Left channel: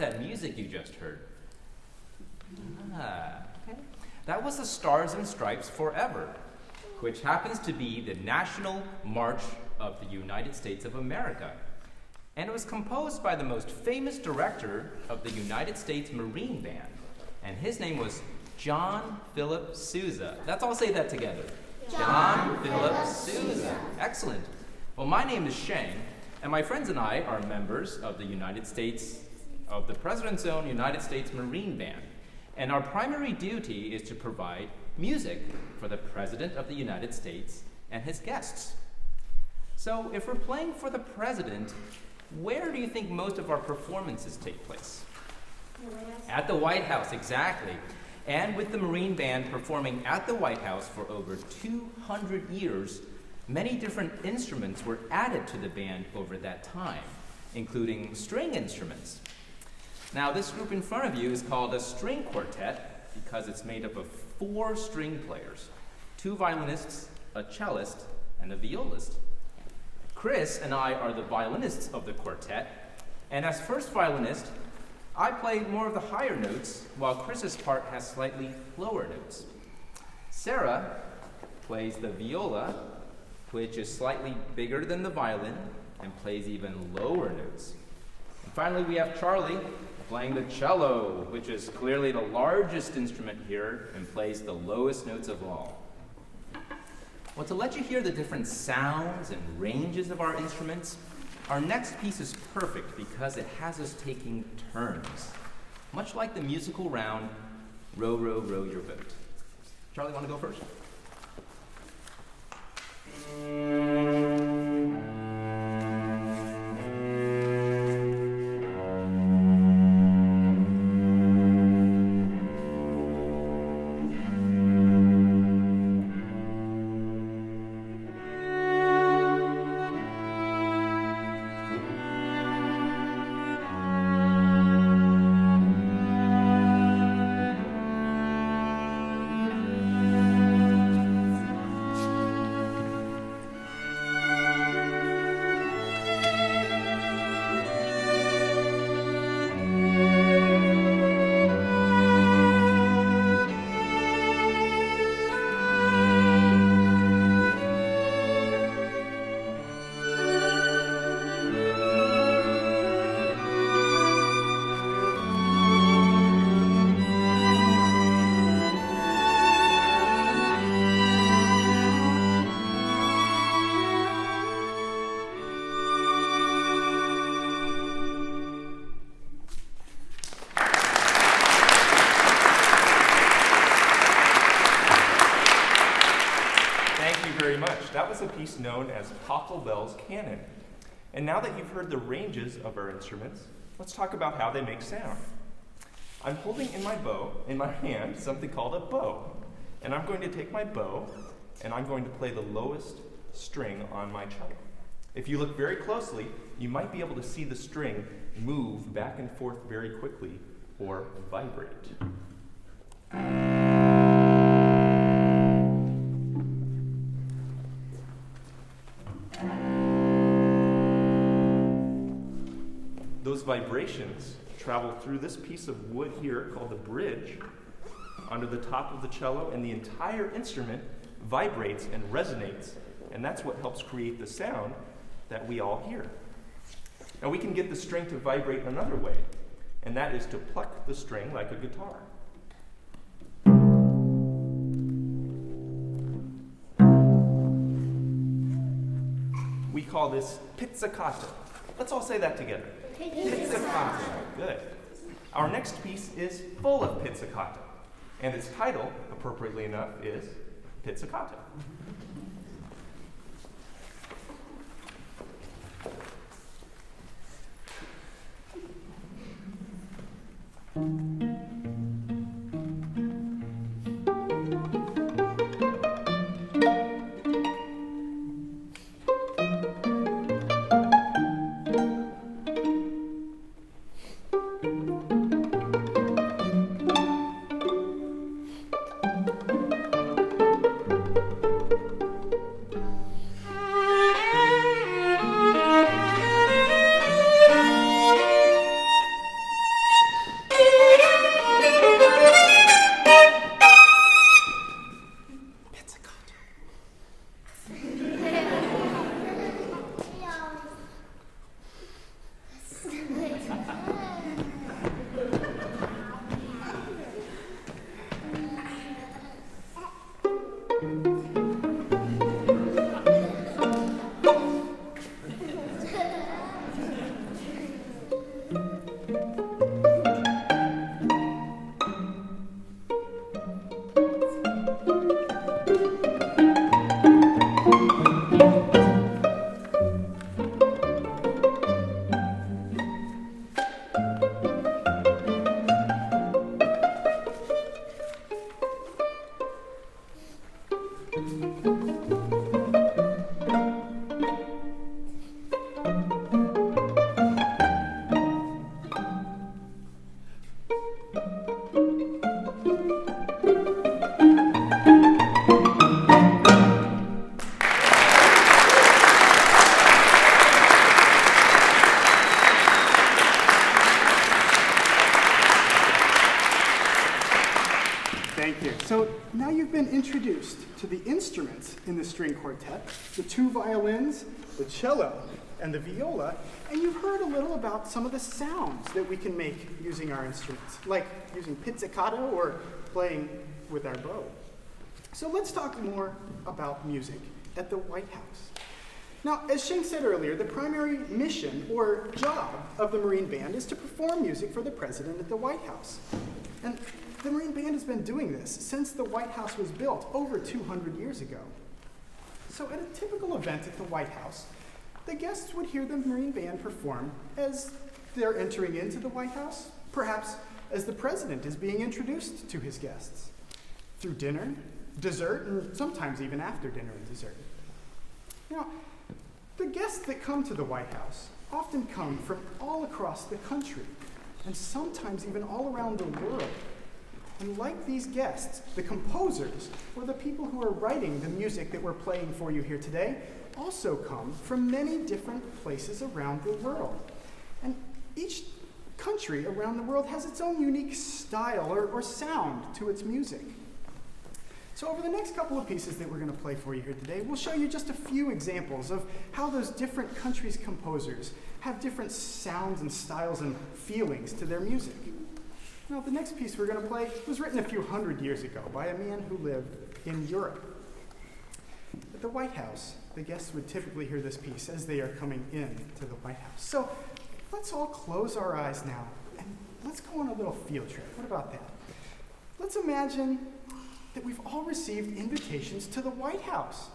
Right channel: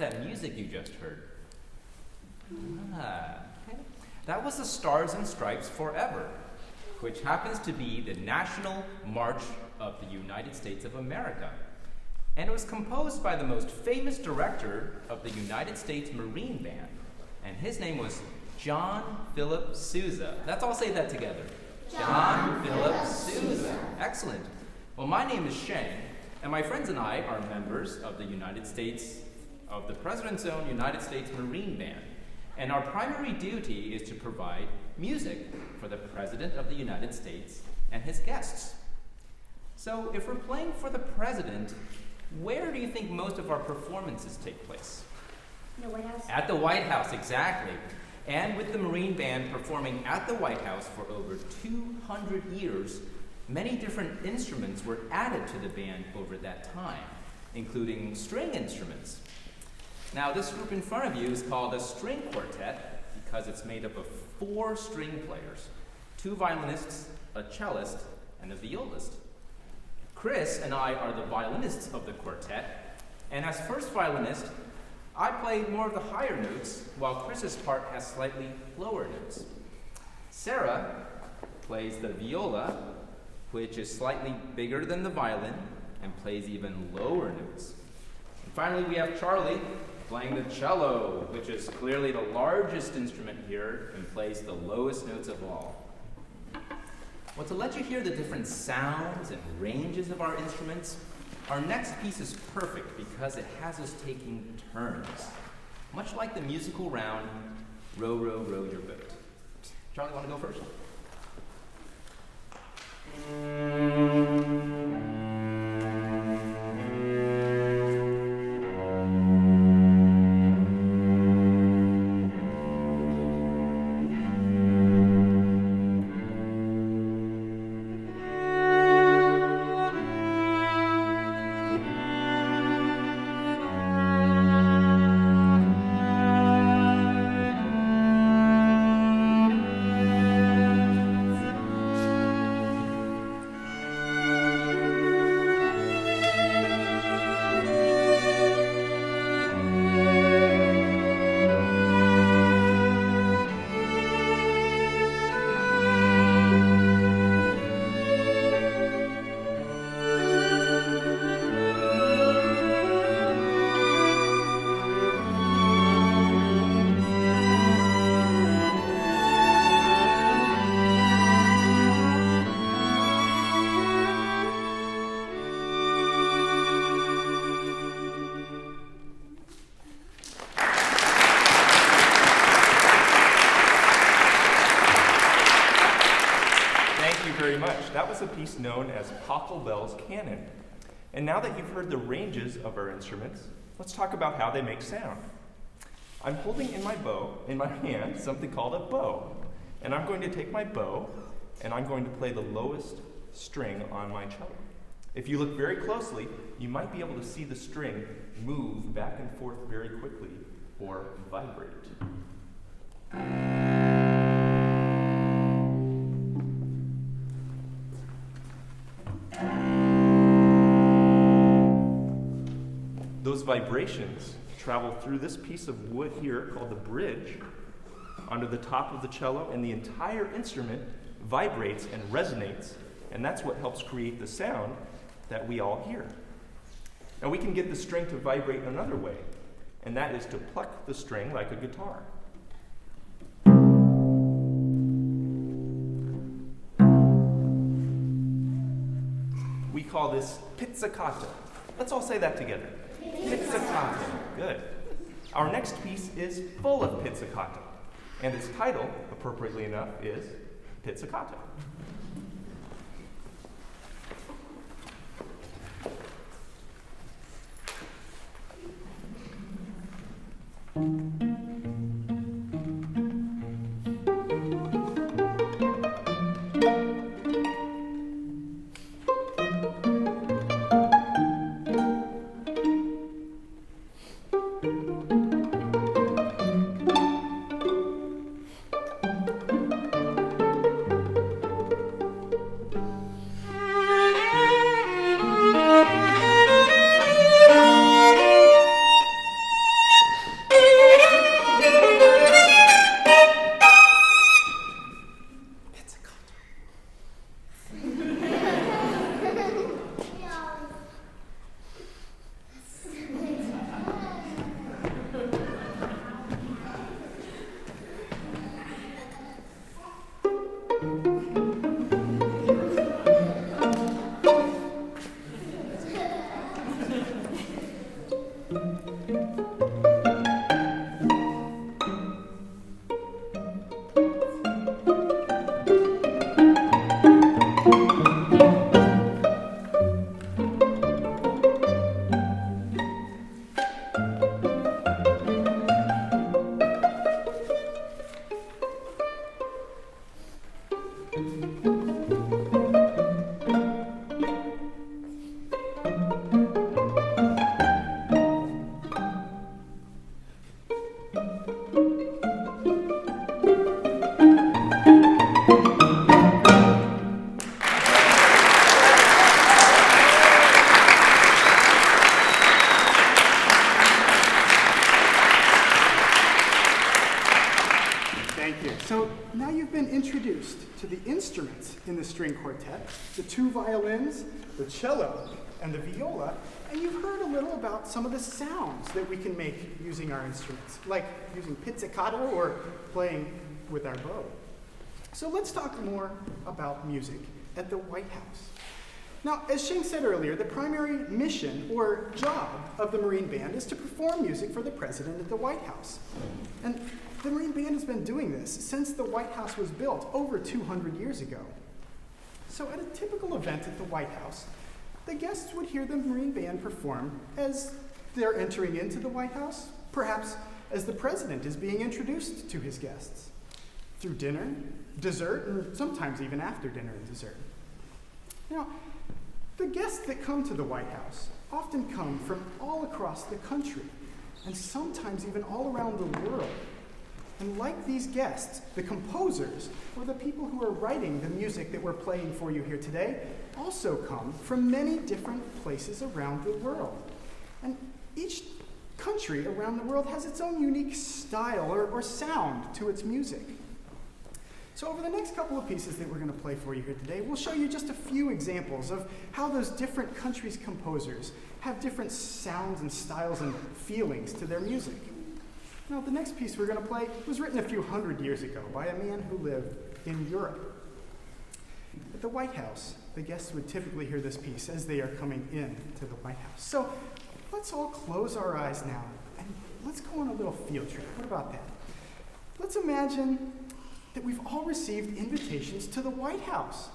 That music you just heard. That was the Stars and Stripes Forever, which happens to be the National March of the United States of America. And it was composed by the most famous director of the United States Marine Band, and his name was John Philip Sousa. Let's all say that together. John Philip Sousa. Excellent. Well, my name is Sheng, and my friends and I are members of the President's Own United States Marine Band, and our primary duty is to provide music for the President of the United States and his guests. So if we're playing for the President, where do you think most of our performances take place? The White House. At the White House, exactly. And with the Marine Band performing at the White House for over 200 years, many different instruments were added to the band over that time, including string instruments. Now, this group in front of you is called a string quartet because it's made up of 4 string players, 2 violinists, a cellist, and a violist. Chris and I are the violinists of the quartet, and as first violinist, I play more of the higher notes, while Chris's part has slightly lower notes. Sarah plays the viola, which is slightly bigger than the violin and plays even lower notes. And finally, we have Charlie playing the cello, which is clearly the largest instrument here and plays the lowest notes of all. Well, to let you hear the different sounds and ranges of our instruments, our next piece is perfect because it has us taking turns, much like the musical round, Row, Row, Row Your Boat. Charlie, want to go first? Very much. That was a piece known as Pachelbel's Canon. And now that you've heard the ranges of our instruments, let's talk about how they make sound. I'm holding in my hand, something called a bow. And I'm going to take my bow and I'm going to play the lowest string on my cello. If you look very closely, you might be able to see the string move back and forth very quickly or vibrate. Those vibrations travel through this piece of wood here called the bridge onto the top of the cello, and the entire instrument vibrates and resonates, and that's what helps create the sound that we all hear. Now we can get the string to vibrate another way, and that is to pluck the string like a guitar. We call this pizzicato. Let's all say that together. Pizzicato. Good. Our next piece is full of pizzicato, and its title, appropriately enough, is Pizzicato. Thank you. So now you've been introduced to the instruments in the string quartet, the two violins, the cello, and the viola, and you've heard a little about some of the sounds that we can make using our instruments, like using pizzicato or playing with our bow. So let's talk more about music at the White House. Now, as Sheng said earlier, the primary mission or job of the Marine Band is to perform music for the president at the White House. And the Marine Band has been doing this since the White House was built over 200 years ago. So at a typical event at the White House, the guests would hear the Marine Band perform as they're entering into the White House, perhaps as the president is being introduced to his guests, through dinner, dessert, and sometimes even after dinner and dessert. Now, the guests that come to the White House often come from all across the country, and sometimes even all around the world. And like these guests, the composers, or the people who are writing the music that we're playing for you here today, also come from many different places around the world. And each country around the world has its own unique style or sound to its music. So over the next couple of pieces that we're going to play for you here today, we'll show you just a few examples of how those different countries' composers have different sounds and styles and feelings to their music. Now, the next piece we're going to play was written a few hundred years ago by a man who lived in Europe. At the White House, the guests would typically hear this piece as they are coming in to the White House. So let's all close our eyes now and let's go on a little field trip. What about that? Let's imagine that we've all received invitations to the White House.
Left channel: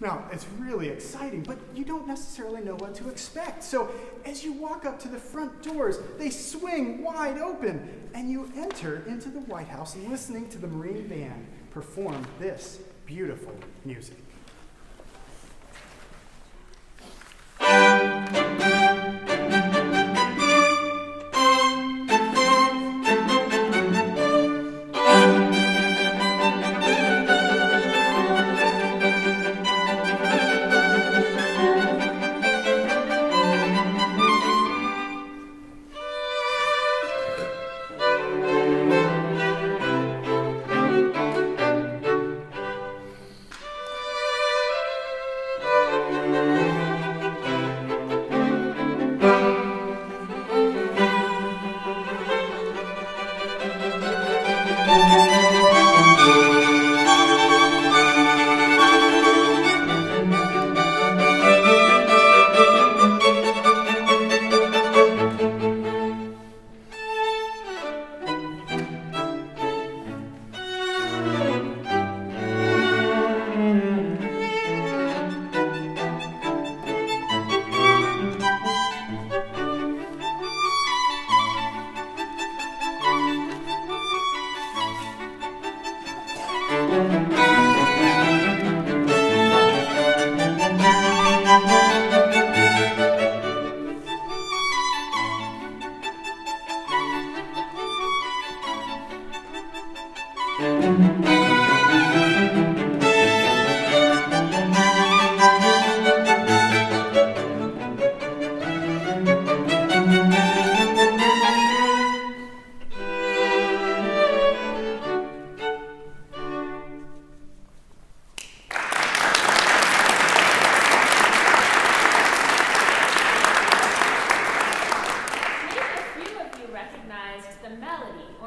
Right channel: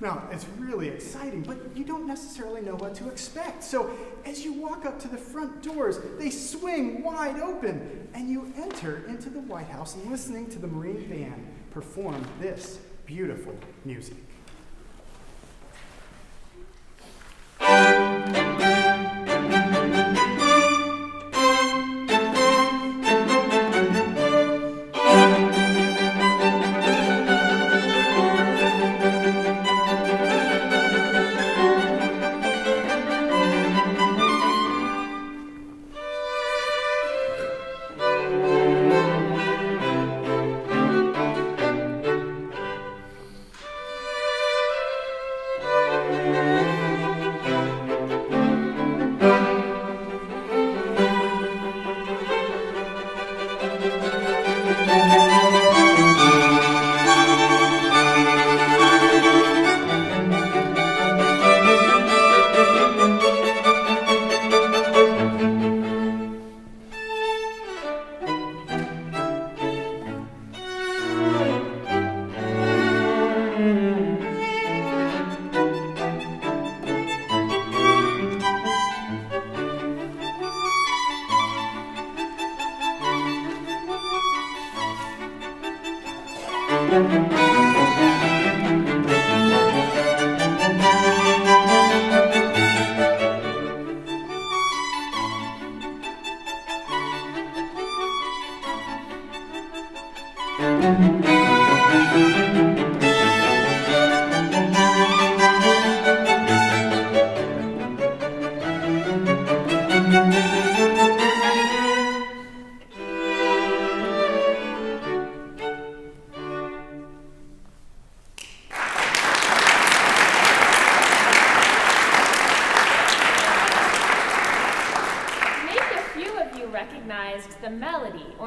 Now, it's really exciting, but you don't necessarily know what to expect. So as you walk up to the front doors, they swing wide open, and you enter into the White House listening to the Marine Band perform this beautiful music.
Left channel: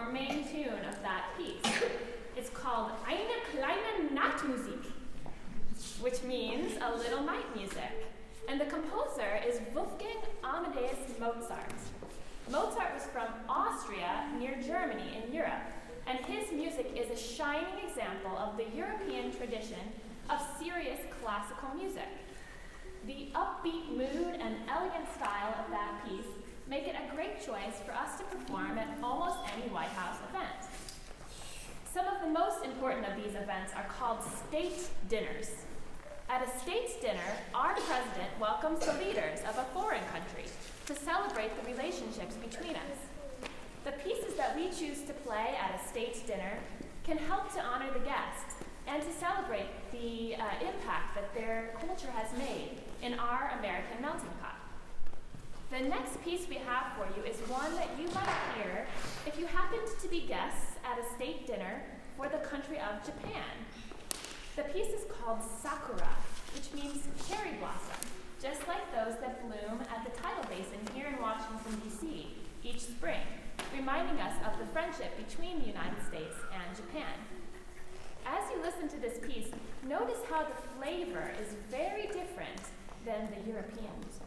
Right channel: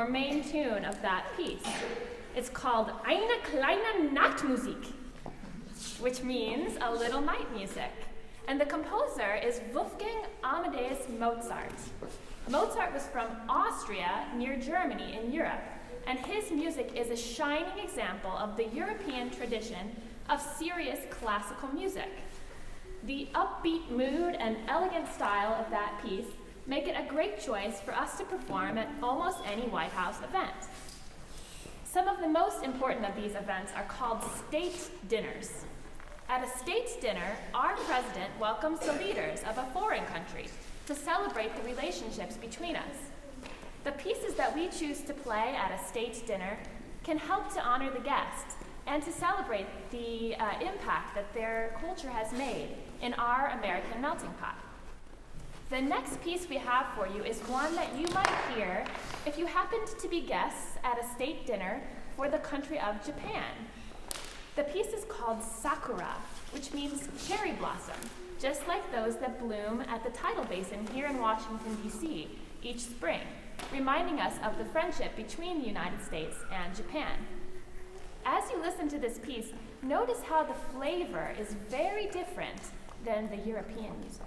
or main tune of that piece. It's called EINE KLEINE NACHTMUSIK, which means a little night music. And the composer is Wolfgang Amadeus Mozart. Mozart was from Austria near Germany in Europe, and his music is a shining example of the European tradition of serious classical music. The upbeat mood and elegant style of that piece make it a great choice for us to perform at almost any White House event. Some of the most important of these events are called state dinners. At a state's dinner, our president welcomes the leaders of a foreign country to celebrate the relationships between us. The pieces that we choose to play at a state's dinner can help to honor the guests and to celebrate the impact that their culture has made in our American melting pot. The next piece we have for you is one that you might hear if you happened to be guests at a state dinner for the country of Japan. The piece is called Sakura, which means cherry blossom, just like those that bloom at the tidal basin here in Washington, D.C. each spring, reminding us of the friendship between the United States and Japan. As you listen to this piece, notice how the flavor is very different than the European music.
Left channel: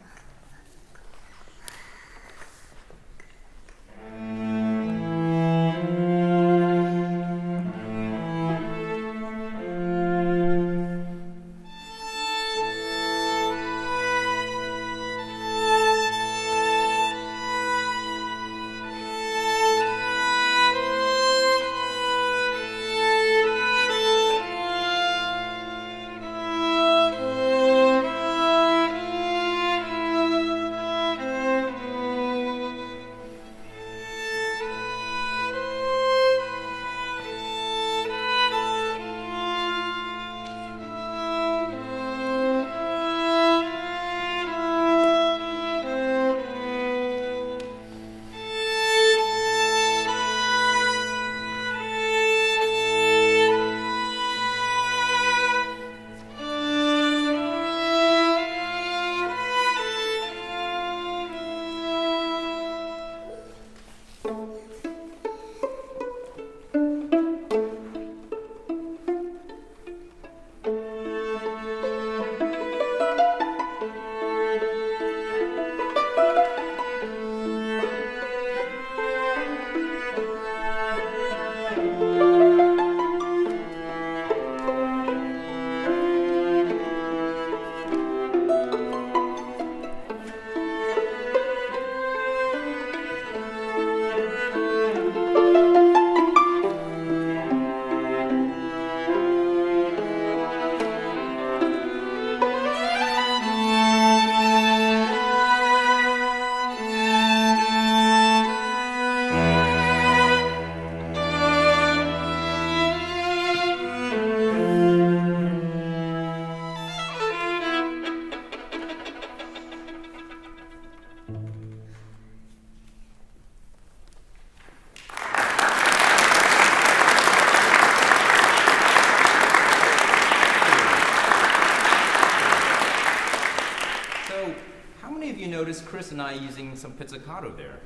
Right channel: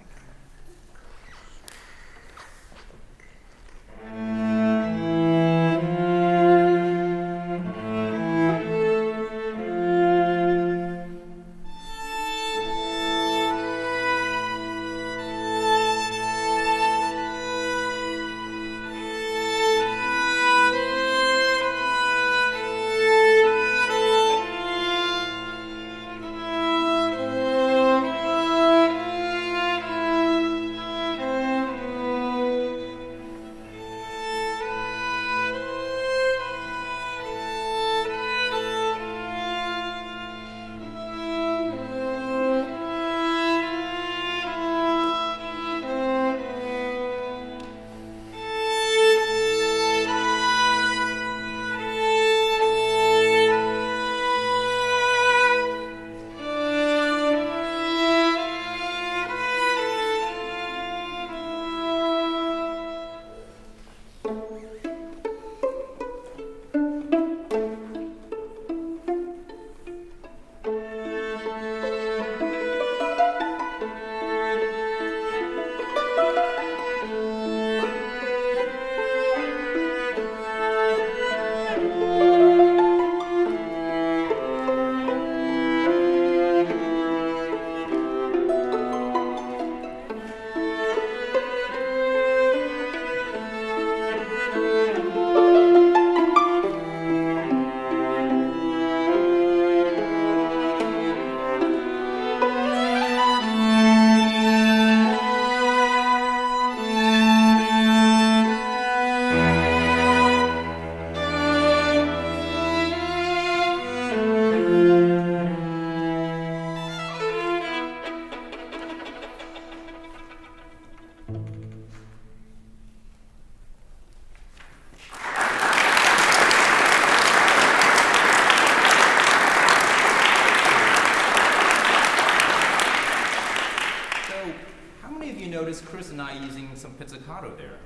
Chris and I using some pizzicato there.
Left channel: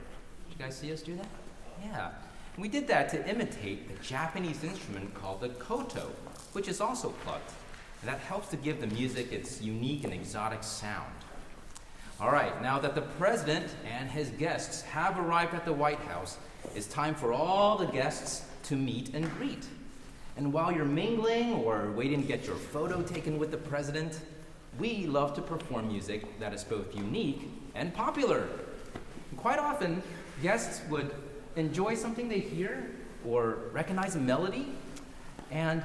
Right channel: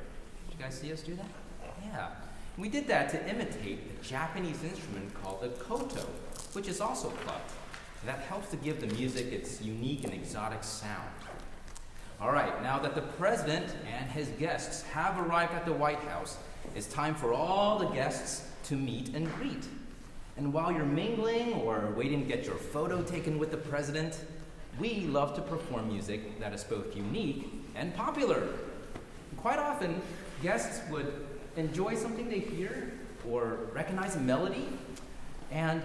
Did you guys see us do that? Yeah. We did that to imitate the Japanese instrument called the koto, which is also plucked. And that helps to give the music its unique and exotic sound. All right, now that the president and his guests have arrived at the White House, it's time for all the guests to meet and greet. And while you're mingling or waiting to get your photo taken with the president, we love to perform music that is both unique and popular. And quite often, guests would enjoy something they hear or recognize a melody and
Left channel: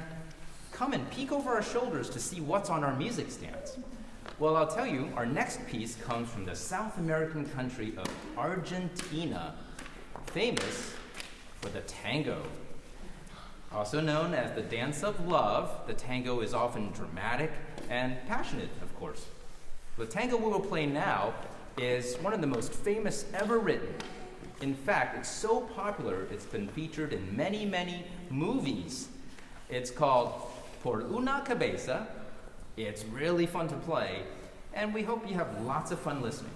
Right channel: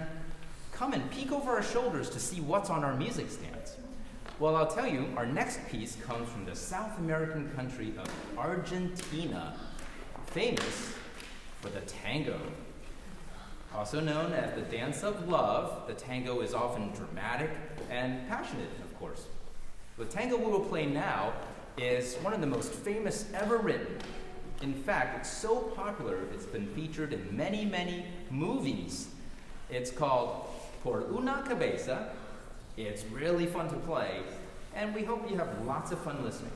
come and peek over our shoulders to see what's on our music stands. Well, I'll tell you, our next piece comes from the South American country of Argentina, famous for the tango. Also known as the dance of love, the tango is often dramatic and passionate, of course. The tango we will play now is one of the most famous ever written. In fact, it's so popular, it's been featured in many, many movies. It's called Por una Cabeza. It's really fun to play, and we hope you have lots of fun listening.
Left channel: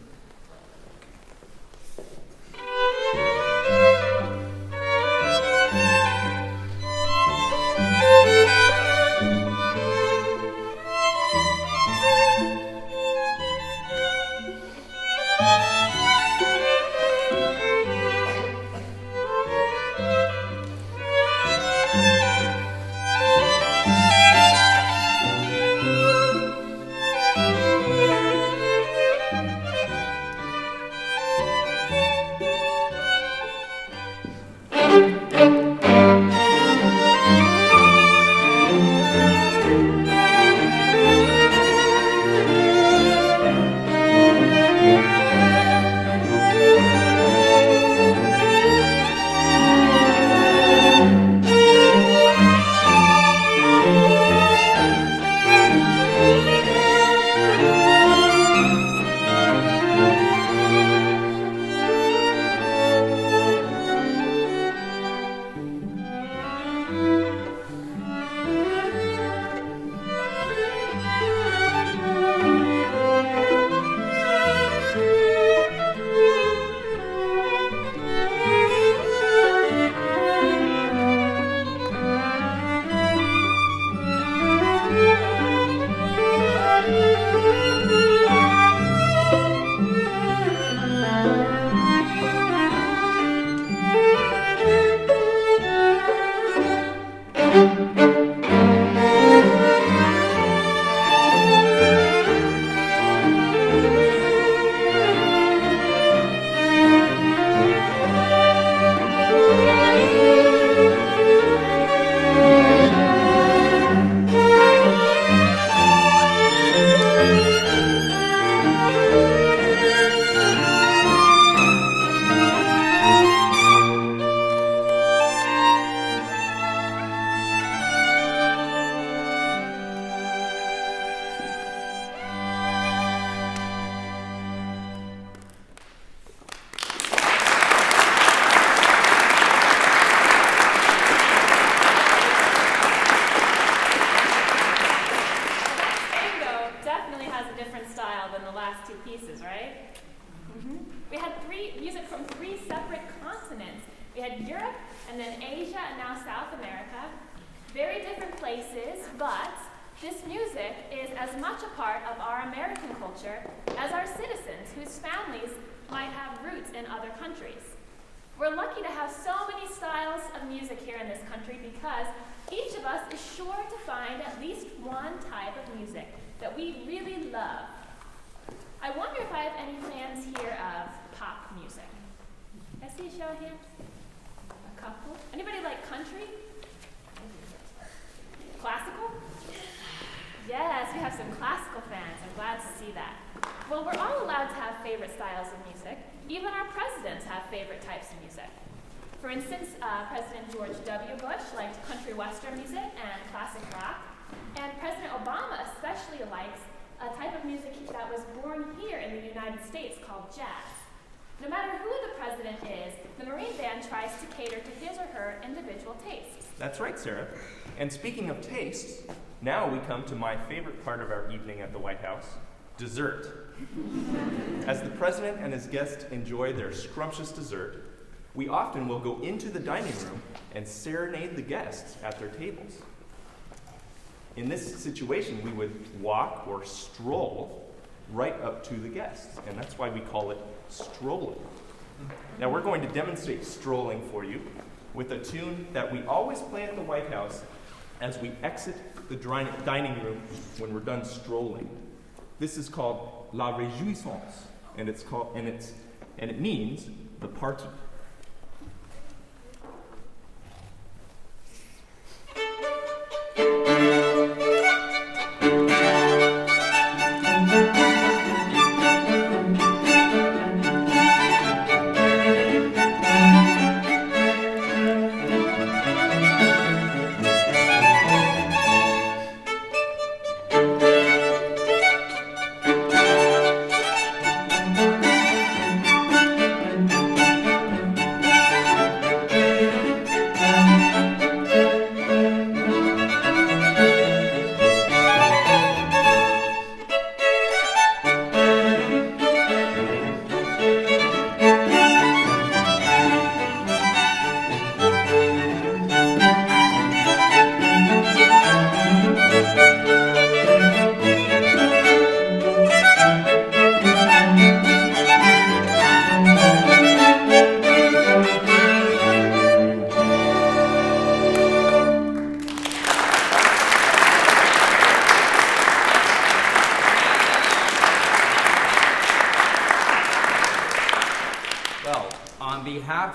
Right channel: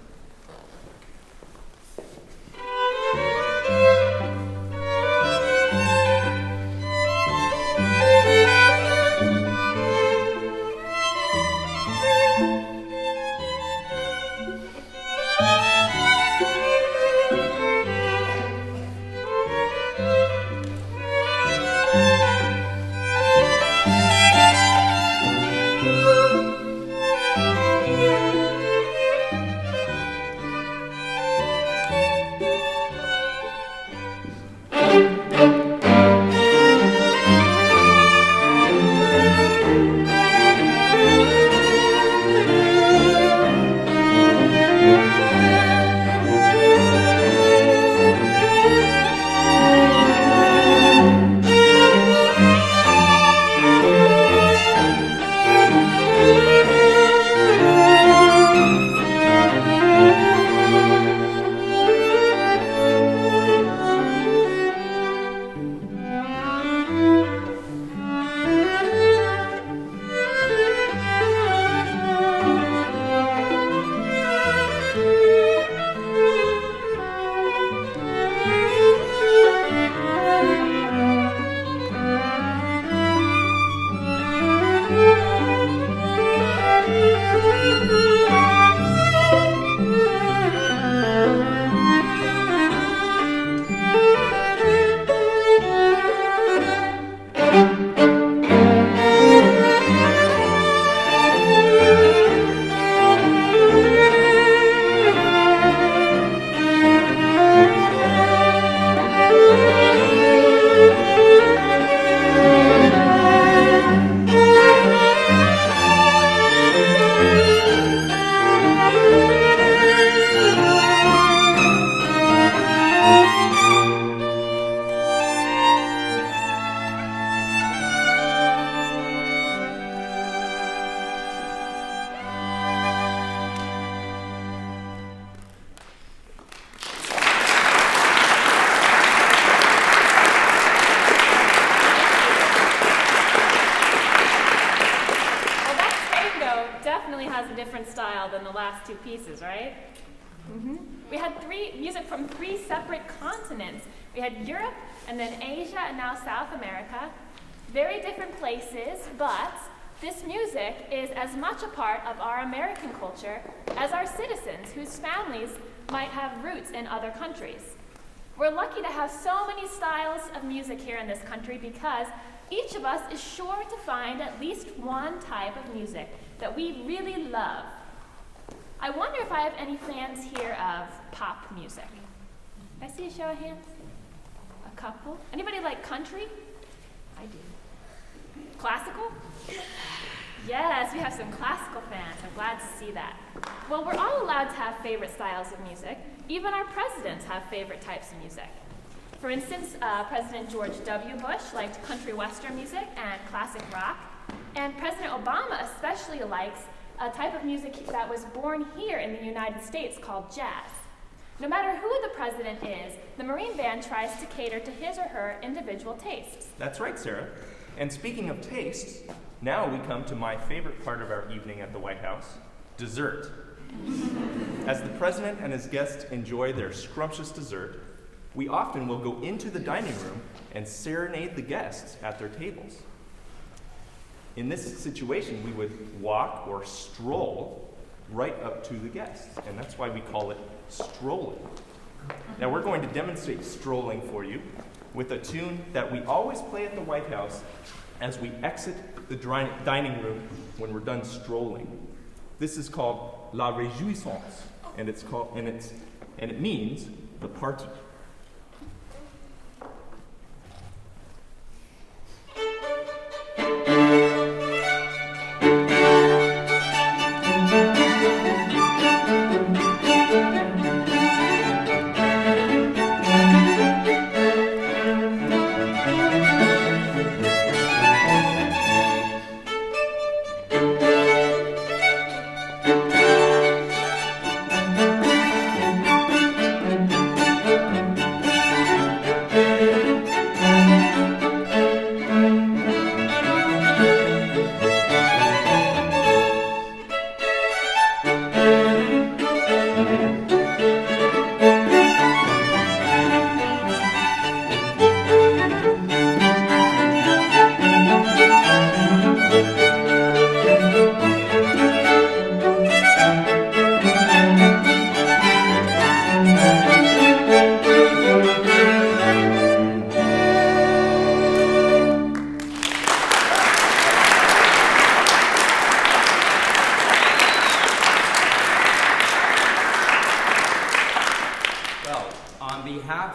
pieces, right? We had music from 3 separate continents. We had Europe, and then Asia, and now South America. Very different places, but this music is as much a part of our American culture as our citizens whose families might have roots in other countries. We're lucky to have so many styles of music here in this country because each of us is sure to find at least one type of music that we really love. I wonder if I have any fans here of pop music. I see a show of hands. A couple. Anybody like country? I do. Classical? Yes, we have some classical fans. I'm glad to see that. Well, we're all allowed to have favorite styles of music. Even our presidents have favorite types of music. For instance, President George W. Bush liked country western music and classic rock. And President Obama especially likes a type of music that was born here in the United States called jazz. No matter who the president is, the Marine Band tries to cater to his or her individual tastes. That's right, Sarah. And speaking of tastes, now we come to my favorite part of our evening at the White House, dessert. As the president and his guests enjoy their scrumptious dessert, we often will go into the dining room and serenade the guests at their tables. In this situation, we would walk or stroll right up to the guests, and that's why we call it strolling. Now we're going to demonstrate strolling for you with a tune that we always play at the White House as we exit the dining room when we're done strolling. This is called La Réjouissance, and it means the party.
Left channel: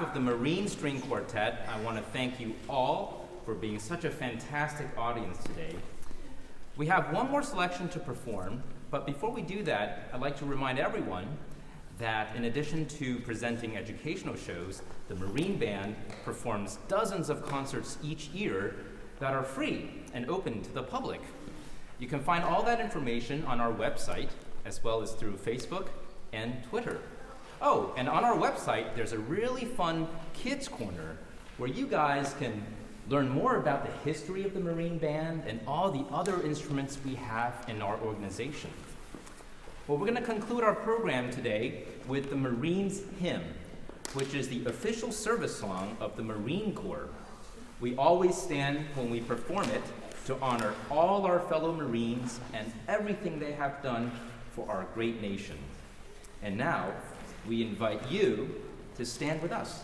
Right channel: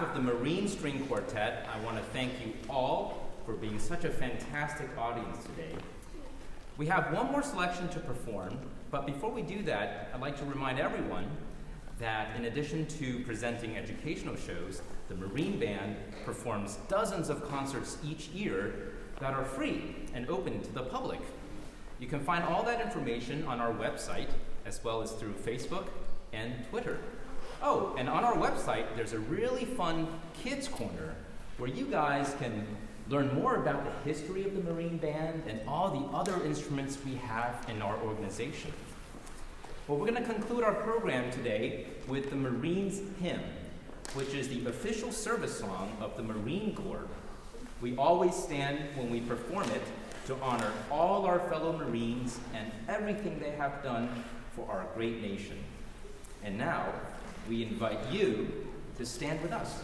Of the Marine String Quartet, I want to thank you all for being such a fantastic audience today. We have one more selection to perform, but before we do that, I'd like to remind everyone that in addition to presenting educational shows, the Marine Band performs dozens of concerts each year that are free and open to the public. You can find all that information on our website, as well as through Facebook and Twitter. Oh, and on our website, there's a really fun kids corner where you guys can learn more about the history of the Marine Band and all the other instruments we have in our organization. Well, we're going to conclude our program today with the Marines Hymn, which is the official service song of the Marine Corps. We always stand when we perform it to honor all our fellow Marines and everything they have done for our great nation. And now, we invite you to stand with us.